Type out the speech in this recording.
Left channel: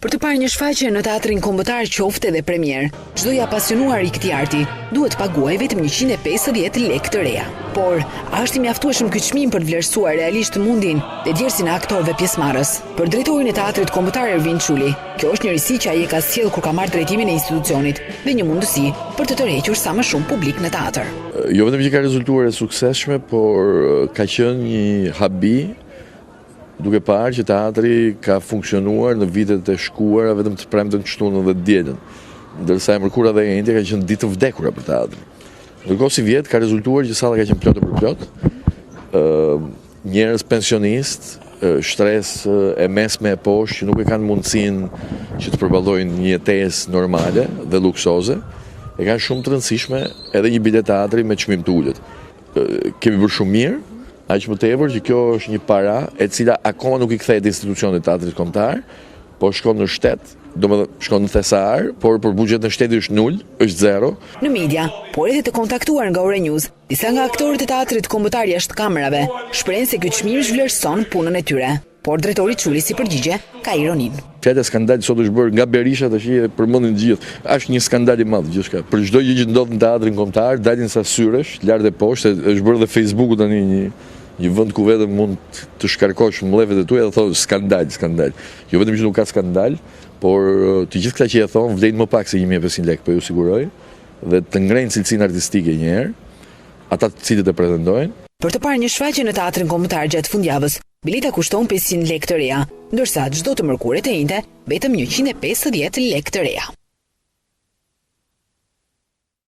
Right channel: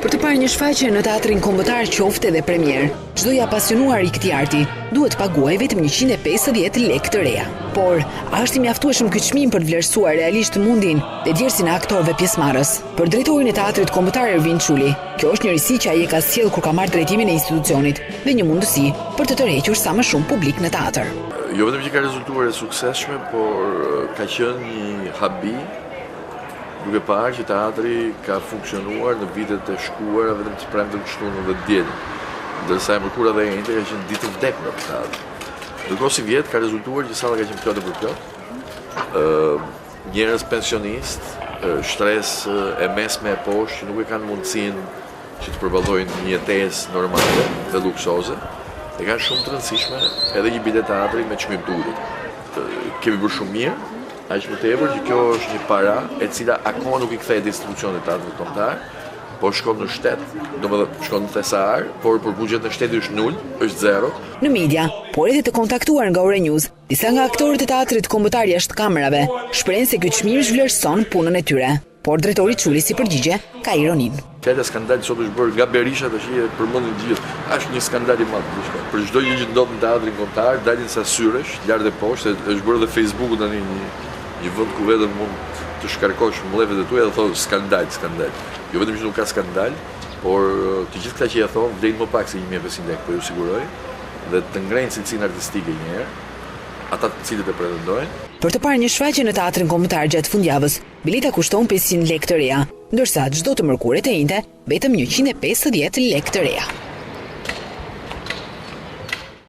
Për të parë një shfaqje në teatrin kombëtar qoftë edhe premier, çdo i apasionuar i këtij arti duhet paguaj vetëm 150 lekë të reja. Por, a është i mjaftueshëm ky çmim për të vlerësuar realisht mundin dhe djersin e aktorëve pjesëmarrës? Për drejtorin e teatrit kombëtar Ervin Çuli, kjo është një risi që ai e ka sjellë kur ka marrë drejtimin e institucionit dhe një mundësi për të tërhequr sa më shumë publik në teatr. Jo vetëm që ka rezultuar e suksesshme, por ka qenë një habi duke parë që teatri ka funksionuar në vitet e shkuara vetëm të premten, shtunën dhe dielën, ndërsa e mërkura dhe e njëjtë ka qenë ditë të vdekura për teatrin. Ndërkohë si vjet ka rezultuar që salla ka qenë plotë për plot. Njerëz pensionist, shtresë e mesme e poshtë që nuk e kanë mundësinë që të përballojnë një jetesë normale dhe luksoze, e kanë shumë të rëndësishme edhe një bilet teatri me çmim të ulët. Kemi bërë shumë mirë, aq më tepër që kjo është një para e cila akoma nuk i kthehet institucionit teatrit kombëtar, po shkon në shtet, domethënë shkon në thesar, por për buxhet në shteti është nul, është zero. Në media, por edhe të kontaktuar nga Ore News, disa nga aktorët e teatrit kombëtar jashtë kamerave shprehen se ky çmim zhvlerëson punën e tyre. Por drejtori Çuli si përgjigje ka ironinë. Fjala skandal sot është bërë nga Berisha tash e përmendin gjithë. Është një skandal i madh gjithçka. Për çdo gjë që ndodh në teatrin kombëtar, dalin sa syresh, lart e poshtë, është bërë dhe Facebooku tani një vend ku vetëm mund të shkarkosh mbledhjet e tua dhe thonë skandal. Jo vetëm që nuk ka skandal, por të gjithë këta që ja thonë vlen më pak se 1500 lekë, po ju siguroj, dhe të ngrenë cilësinë artistike një herë, ata të cilët e pretendojnë. Për të parë një shfaqje në teatrin kombëtar gjatë fundjavës, bileta kushton 500 lekë të reja, ndërsa çdo të mërkuret e njëjtë vetëm 150 lekë të reja.